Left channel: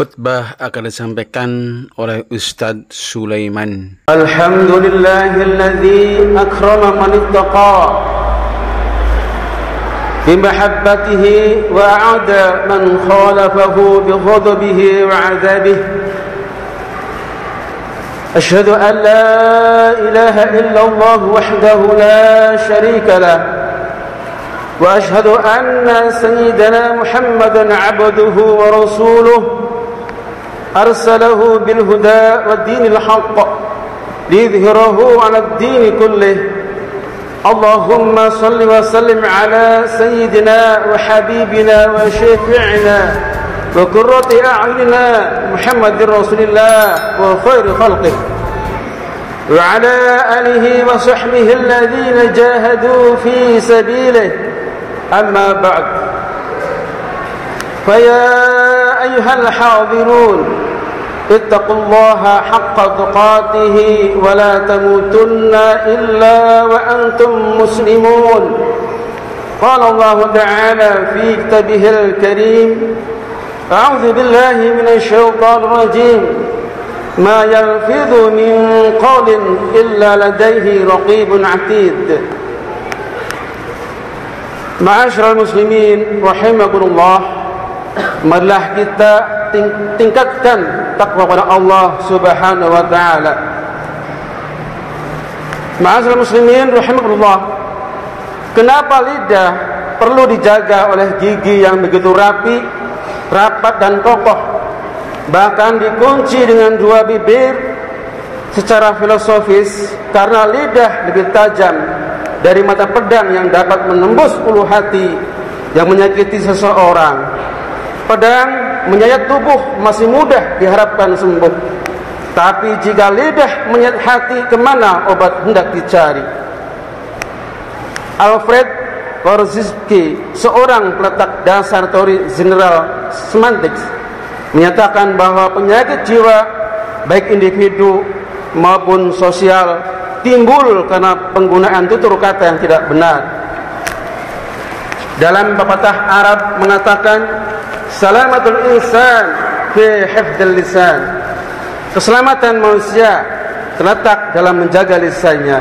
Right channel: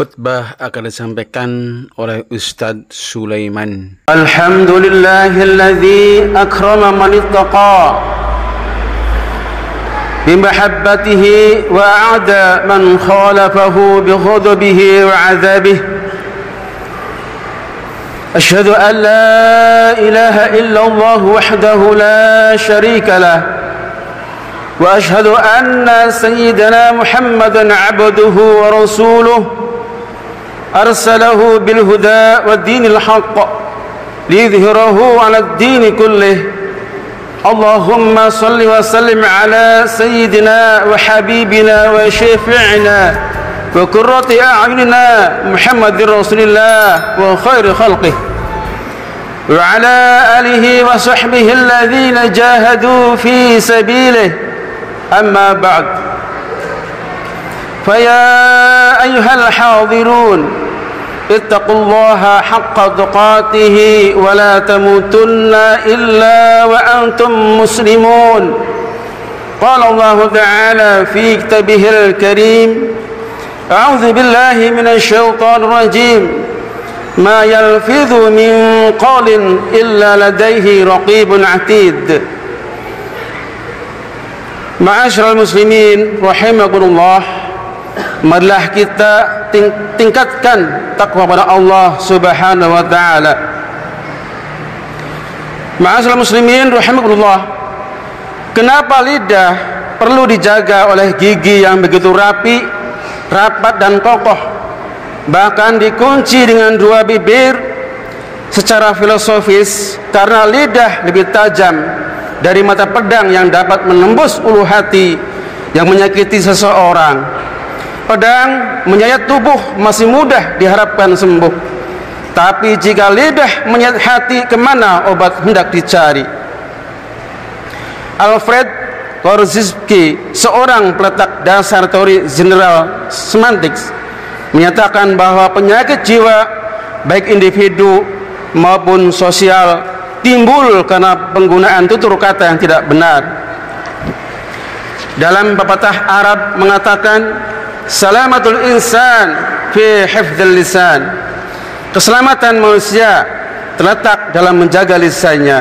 Khutbah akan disampaikan oleh Ustadz Sulaiman. Alhamdulillahilladzi akrama man ittaqa bimahabbatihi wa a'ada man khalafahu bighadabihi wa 'adzabihi. Asyhadu an la ilaha illallah wahdahu la syarika lah wa asyhadu anna sayyidana Muhammadan 'abduhu wa rasuluhu أرسله بالهدى والدين الحق ليظهره على الدين كله اللهم صل وسلم على سيدنا وحبيبنا وشفيعنا وقرة أعيننا محمد رسول الله وخير خلقه وعلى آله وصحبه الذين جاهدوا في سبيله أما بعد فيا أيها الحاضرون اتقوا الله حق تقاته ولا تموتن إلا وأنتم مسلمون قال الله تعالى في كتابه الكريم أعوذ بالله من الشيطان الرجيم ما يلفظ من قول إلا لديه رقيب عتيد معاشر المسلمين رحمكم الله. Marilah kita tingkatkan takwa pada Allah Subhanahu wa taala. Ma'asyiral muslimin rahimakumullah. Kenapa lidah perlu dijaga oleh gigi yang begitu rapi, rapat dan kokoh, bahkan dikunci dengan dua bibir? Secara filosofis, karena lidah lebih tajam dari mata pedang yang dapat menembus ulu hati yang menyakiti seseorang. Pedang menyayat tubuh masih mudah diharapkan sembuh, tapi jika lidah menyayat hati, kemana obat hendak dicari? Alfred Korzybski, seorang peletak dasar teori general semantics, menyatakan bahwa penyakit jiwa baik individu maupun sosial timbul karena penggunaan tutur kata yang tidak benar. Dalam pepatah Arab mengatakan, salamatul insan fi hifdzil lisan. Keselamatan manusia terletak dalam menjaga lisannya.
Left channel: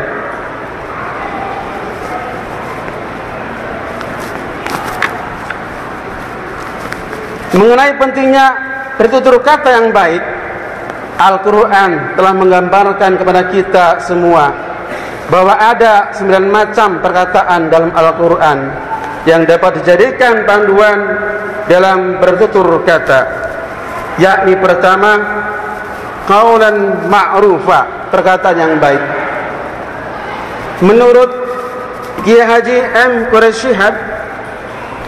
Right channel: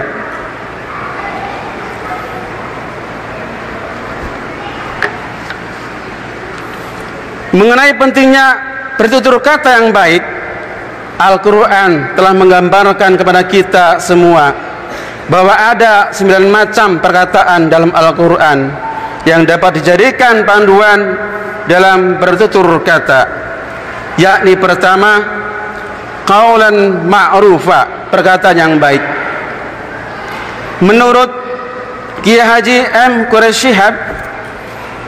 Mengenai pentingnya bertutur kata yang baik, Al-Quran telah menggambarkan kepada kita semua bahwa ada 9 macam perkataan dalam Al-Quran yang dapat dijadikan panduan dalam bertutur kata, yakni pertama, qaulan ma'rufa, perkataan yang baik. Menurut Kiai Haji M. Quraisy Shihab,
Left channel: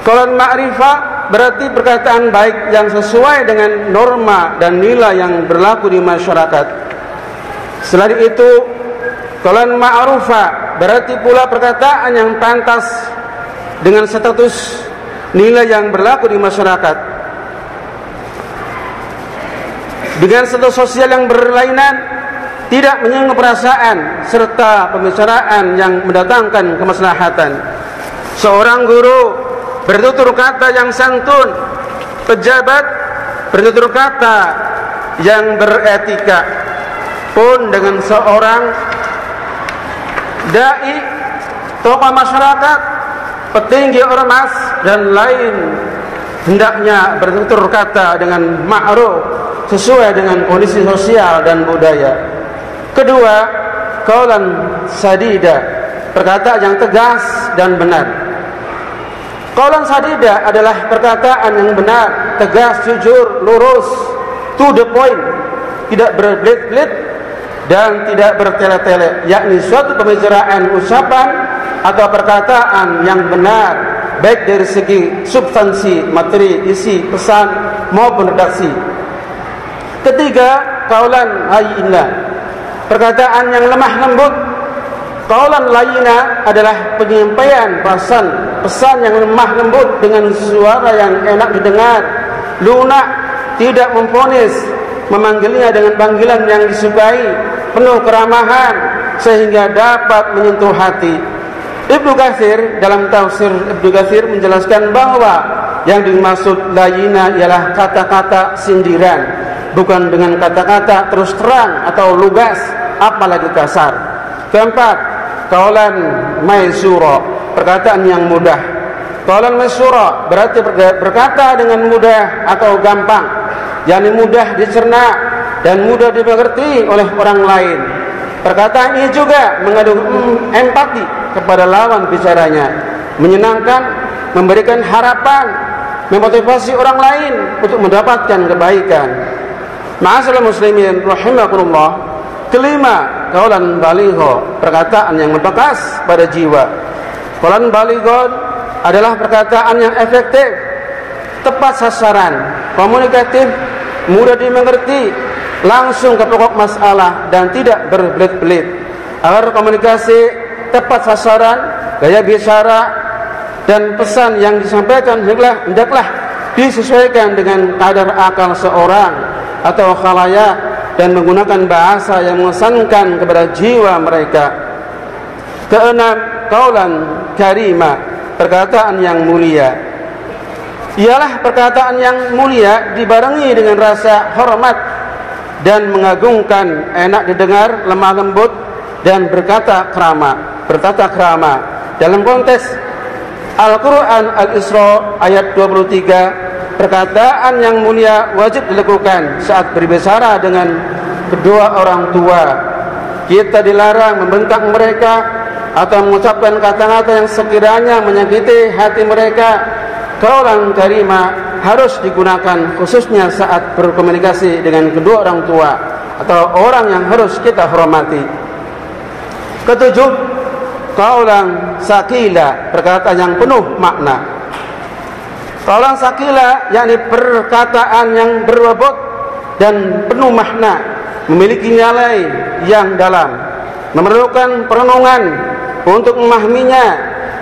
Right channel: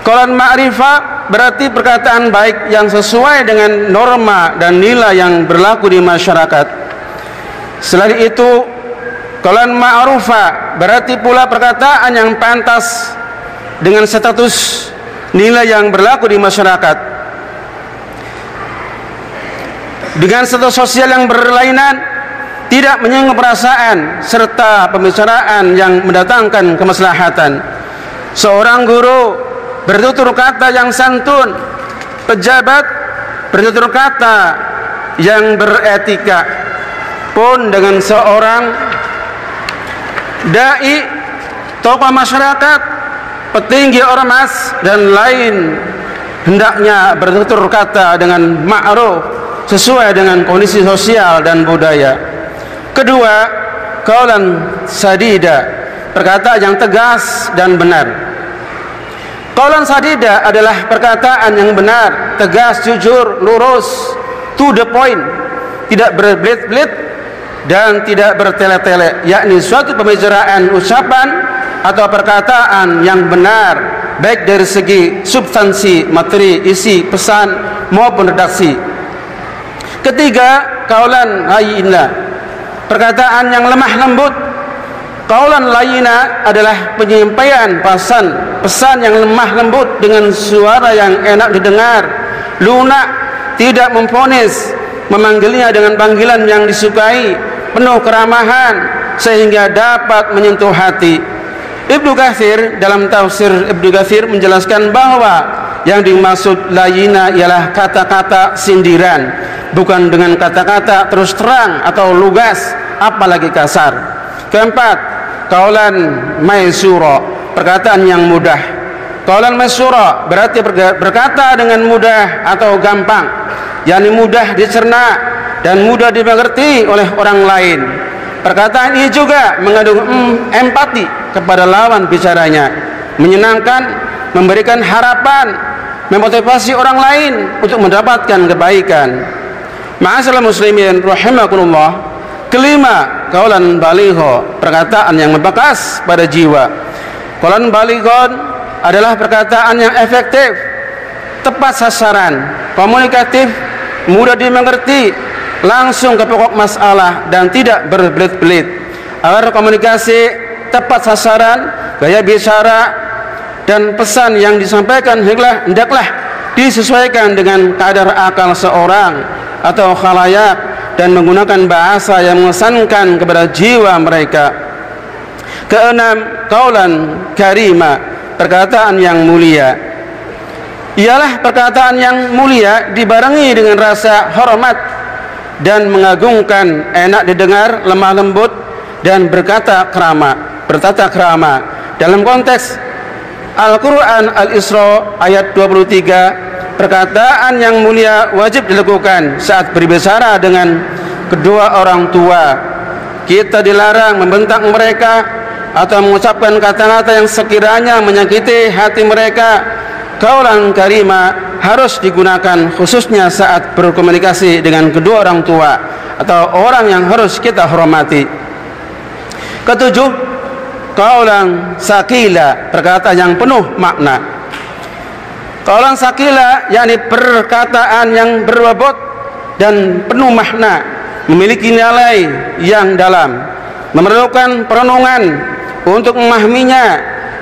qaulan ma'rifa berarti perkataan baik yang sesuai dengan norma dan nilai yang berlaku di masyarakat. Selain itu, qaulan ma'rufa berarti pula perkataan yang pantas dengan status nilai yang berlaku di masyarakat. Dengan status sosial yang berlainan, tidak menyinggung perasaan serta pembicaraan yang mendatangkan kemaslahatan. Seorang guru bertutur kata yang santun, pejabat bertutur kata yang beretika, pun dengan seorang dai, tokoh masyarakat, petinggi ormas dan lain, hendaknya bertutur kata dengan ma'ruf sesuai dengan kondisi sosial dan budaya. Kedua, qaulan sadida, perkataan yang tegas dan benar. Qaulan sadida adalah perkataan yang benar, tegas, jujur, lurus, to the point, tidak berbelit-belit dan tidak bertele-tele, yakni suatu pembicaraan, ucapan atau perkataan yang benar, baik dari segi substansi, materi, isi, pesan maupun redaksi. Ketiga, qaulan layyina, perkataan yang lemah lembut. Qaulan layyina adalah penyampaian pesan yang lemah lembut dengan suara yang enak didengar, lunak, tidak memvonis, memanggilnya dengan panggilan yang disukai, penuh keramahan sehingga dapat menyentuh hati. Ibnu Katsir dalam tafsir Ibnu Katsir menjelaskan bahwa Yang dimaksud layina ialah kata-kata sindiran, bukan dengan kata-kata terus terang atau lugas, apalagi kasar. Keempat, qaulan maysura, perkataan yang mudah. Qaulan maysura berarti berkata dengan mudah atau gampang, yakni mudah dicerna dan mudah dimengerti oleh orang lain. Perkataan ini juga mengandung empati kepada lawan bicaranya, menyenangkan, memberikan harapan, memotivasi orang lain untuk mendapatkan kebaikan. Ma'asyiral muslimin rahimakumullah. Kelima, qaulan baligha, perkataan yang membekas pada jiwa. Qaulan balighon adalah perkataan yang efektif, tepat sasaran, komunikatif, mudah dimengerti, langsung ke pokok masalah dan tidak berbelit-belit. Agar komunikasi tepat sasaran, gaya bicara dan pesan yang disampaikan hendaklah disesuaikan dengan kadar akal seorang atau khalayak dan menggunakan bahasa yang mengesankan kepada jiwa mereka. Keenam, qaulan karima, perkataan yang mulia. Ialah perkataan yang mulia dibarengi dengan rasa hormat dan mengagungkan, enak didengar, lemah lembut dan bertata krama. Dalam konteks Al-Quran Al-Isra ayat 23, perkataan yang mulia wajib dilakukan saat berbicara dengan kedua orang tua. Kita dilarang membentak mereka atau mengucapkan kata-kata yang sekiranya menyakiti hati mereka. Qaulan karima harus digunakan khususnya saat berkomunikasi dengan kedua orang tua atau orang yang harus kita hormati. Ketujuh, qaulan sakila, perkataan yang penuh makna. Qaulan sakila yakni perkataan yang berbobot dan penuh makna, memiliki nilai yang dalam, memerlukan perenungan untuk memahaminya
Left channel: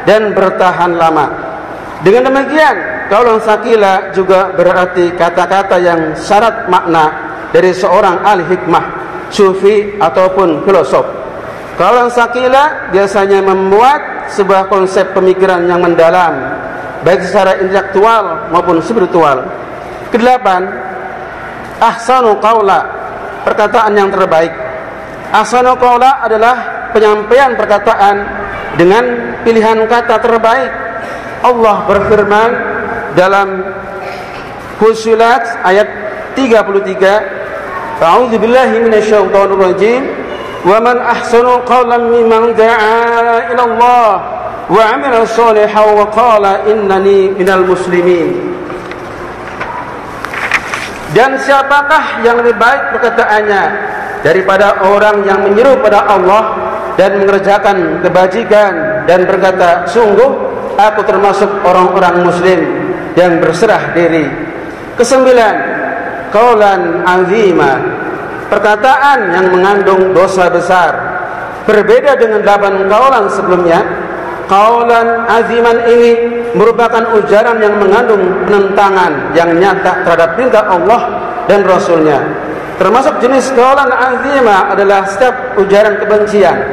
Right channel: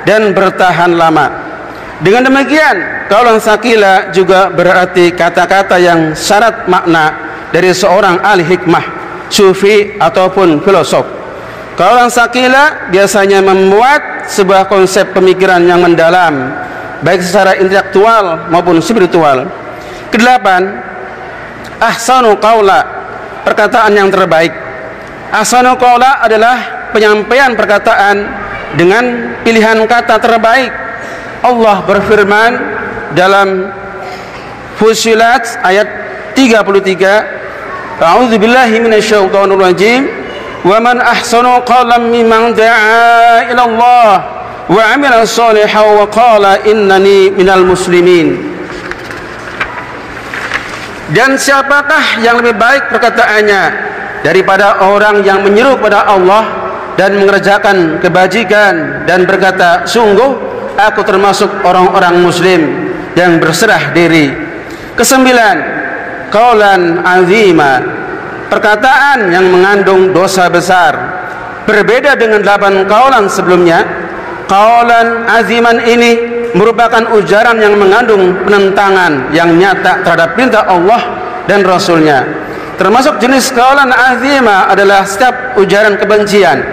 dan bertahan lama. Dengan demikian, qaulan sakila juga berarti kata-kata yang syarat makna dari seorang ahli hikmah, sufi ataupun filosof. Qaulan sakila biasanya memuat sebuah konsep pemikiran yang mendalam, baik secara intelektual maupun spiritual. Kedelapan, ahsanu qaula, perkataan yang terbaik. Ahsanu qaula adalah penyampaian perkataan dengan pilihan kata terbaik. Allah berfirman dalam Fussilat ayat 33, A'udzu billahi minasyaitonir rajim, wa man ahsanu qawlan mimman da'a ila Allah wa 'amila shalihan wa qala innani minal muslimin. Dan siapakah yang lebih baik perkataannya daripada orang yang menyeru pada Allah dan mengerjakan kebajikan dan berkata, sungguh aku termasuk orang-orang muslim yang berserah diri. Kesembilan, qaulan azima, perkataan yang mengandung dosa besar. Berbeda dengan 8 qaulan sebelumnya, qaulan aziman ini merupakan ujaran yang mengandung penentangan yang nyata terhadap perintah Allah dan Rasulnya. Termasuk jenis qaulan azima adalah setiap ujaran kebencian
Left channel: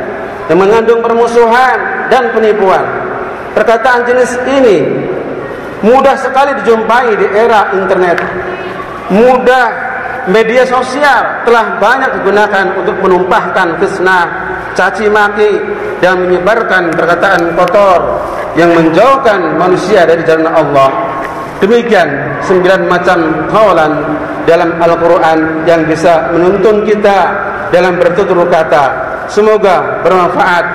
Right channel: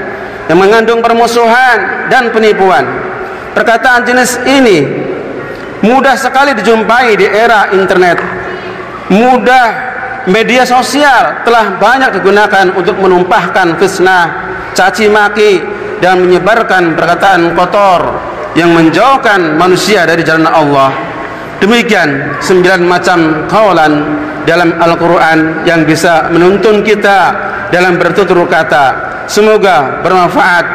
yang mengandung permusuhan dan penipuan. Perkataan jenis ini mudah sekali dijumpai di era internet. Mudah media sosial telah banyak digunakan untuk menumpahkan fitnah, caci maki dan menyebarkan perkataan kotor yang menjauhkan manusia dari jalan Allah. Demikian 9 macam qaulan dalam Al-Quran yang bisa menuntun kita dalam bertutur kata. Semoga bermanfaat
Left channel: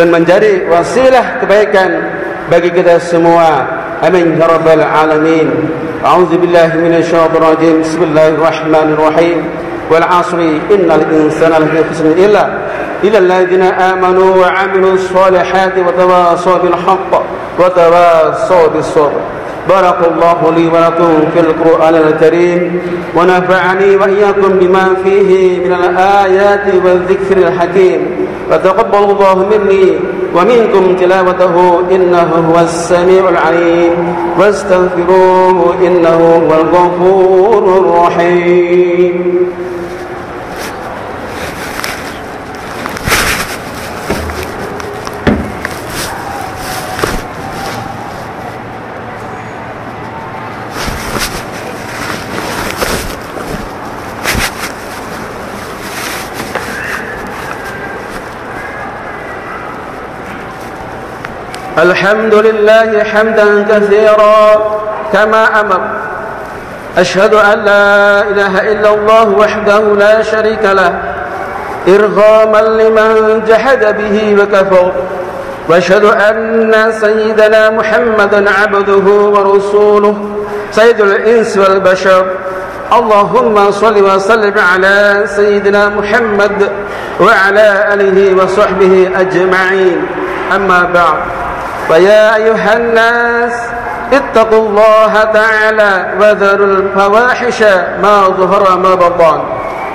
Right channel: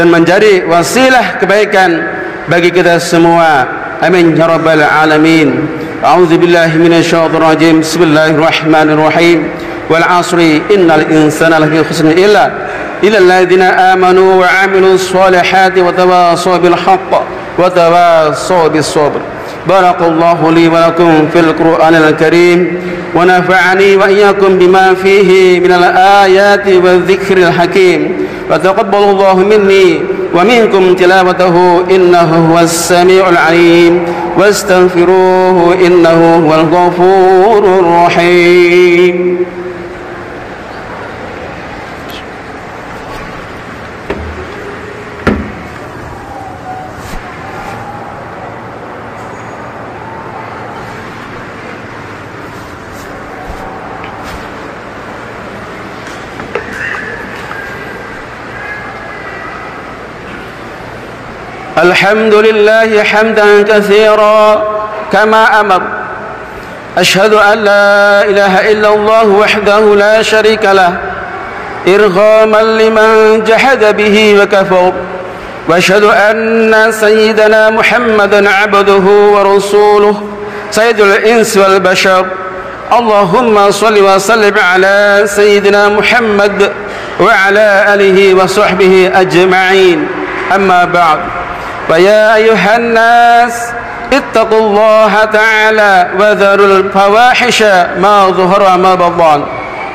dan menjadi wasilah kebaikan bagi kita semua. Amin ya rabbal alamin. A'udzu billahi minasyaitonir rajim. Bismillahirrahmanirrahim. Wal 'asri innal insana lafi khusr illa alladziina aamanu wa 'amilus shalihati wa tawassaw bil haqq wa tawassaw bis sabr. Barakallahu li wa lakum fil Qur'anil Karim wa nafa'ani wa iyyakum bima fihi minal ayati wa dzikril hakim. Wa taqabbalallahu minni wa minkum tilawatahu innahu huwas samiul alim wastaghfiruhu innahu huwal ghafurur rahim. الحمد لله حمدا كثيرا كما أمر. أشهد أن لا إله إلا الله وحده لا شريك له إرغاما لمن جحد به وكفر، وأشهد أن سيدنا محمدا عبده ورسوله سيد الإنس والبشر. اللهم صل وسلم على سيدنا محمد وعلى آله وصحبه أجمعين. أما بعد، فيا أيها الناس اتقوا الله تعالى وذروا الفواحش ما ظهر ما بطن،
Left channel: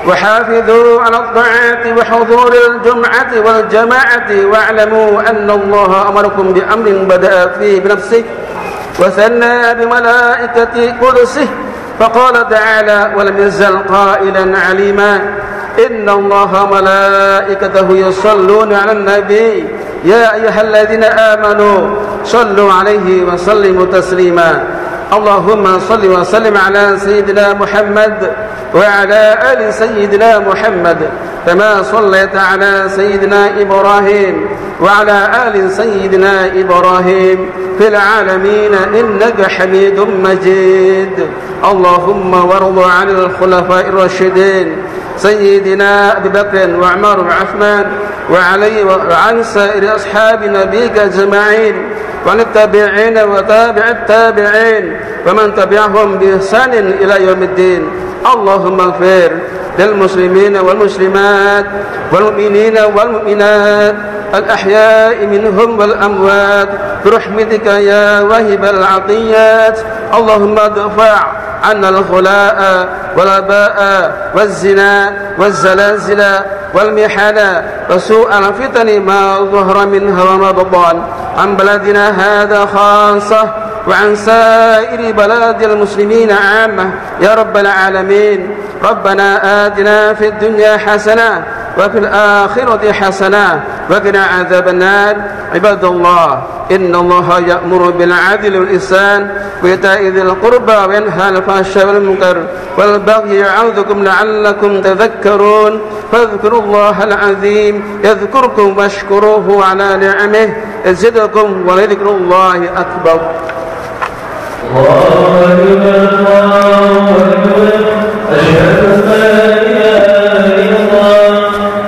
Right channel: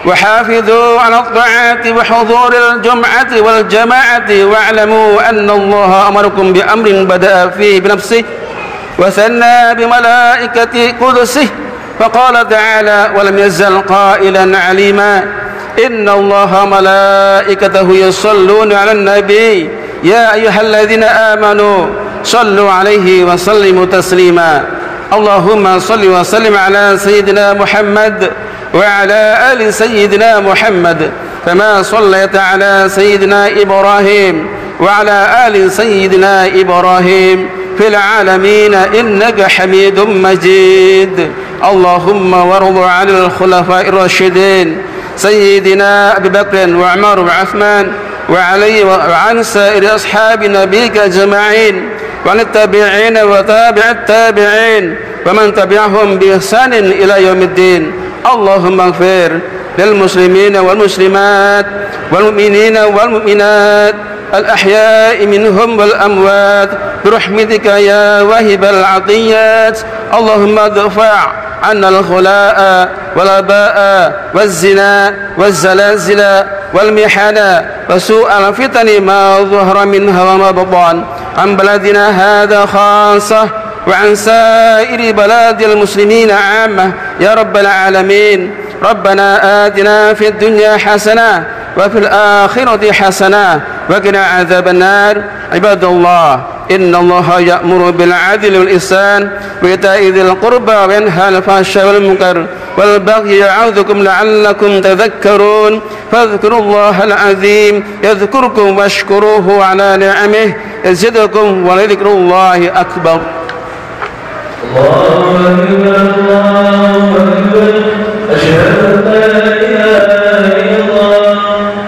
وحافظوا على الطاعات وحضور الجمعة والجماعة، واعلموا أن الله أمركم بأمر بدأ فيه بنفسه وثنى بملائكة قدسه، فقال تعالى: ولم يزل قائلا عليما إن الله ملائكته يصلون على النبي يا أيها الذين آمنوا صلوا عليه وسلموا تسليما. اللهم صل وسلم على سيدنا محمد وعلى آل سيدنا محمد كما صليت على سيدنا إبراهيم وعلى آل سيدنا إبراهيم في العالمين إنك حميد مجيد. اللهم وارض عن الخلفاء الراشدين سيدنا أبي بكر وعمر وعثمان وعلي وعن سائر أصحاب نبيك أجمعين، وعن التابعين وتابع التابعين ومن تبعهم بإحسان إلى يوم الدين. اللهم اغفر للمسلمين والمسلمات والمؤمنين والمؤمنات الأحياء منهم والأموات برحمتك يا واهب العطيات. اللهم ادفع عنا الخلاء والأباء والزنا والزلازل والمحن وسوء الفتن ما ظهر منها وما بطن عن بلدنا هذا خاصة وعن سائر بلاد المسلمين عامة يا رب العالمين. ربنا آتنا في الدنيا حسنة وفي الآخرة حسنة وقنا عذاب النار. عباد الله، إن الله يأمر بالعدل والإحسان وإيتاء ذي القربى وينهى عن الفحشاء والمنكر والبغي يعظكم لعلكم تذكرون. فاذكروا الله العظيم يذكركم واشكروه على نعمه يزدكم ولذكر الله أكبر. الله أكبر الله أكبر أشهد أن لا إله إلا الله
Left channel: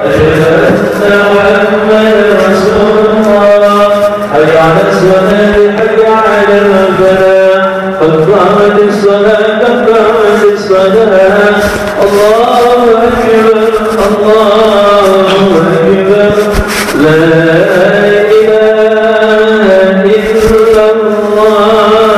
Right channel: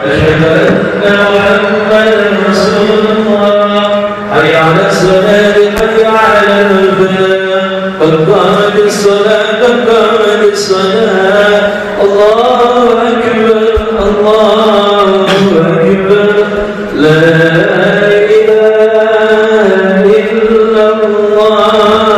أشهد أن محمدا رسول الله. حي على الصلاة حي على الفلاح قد قامت الصلاة قد قامت الصلاة. الله أكبر الله أكبر لا إله إلا الله.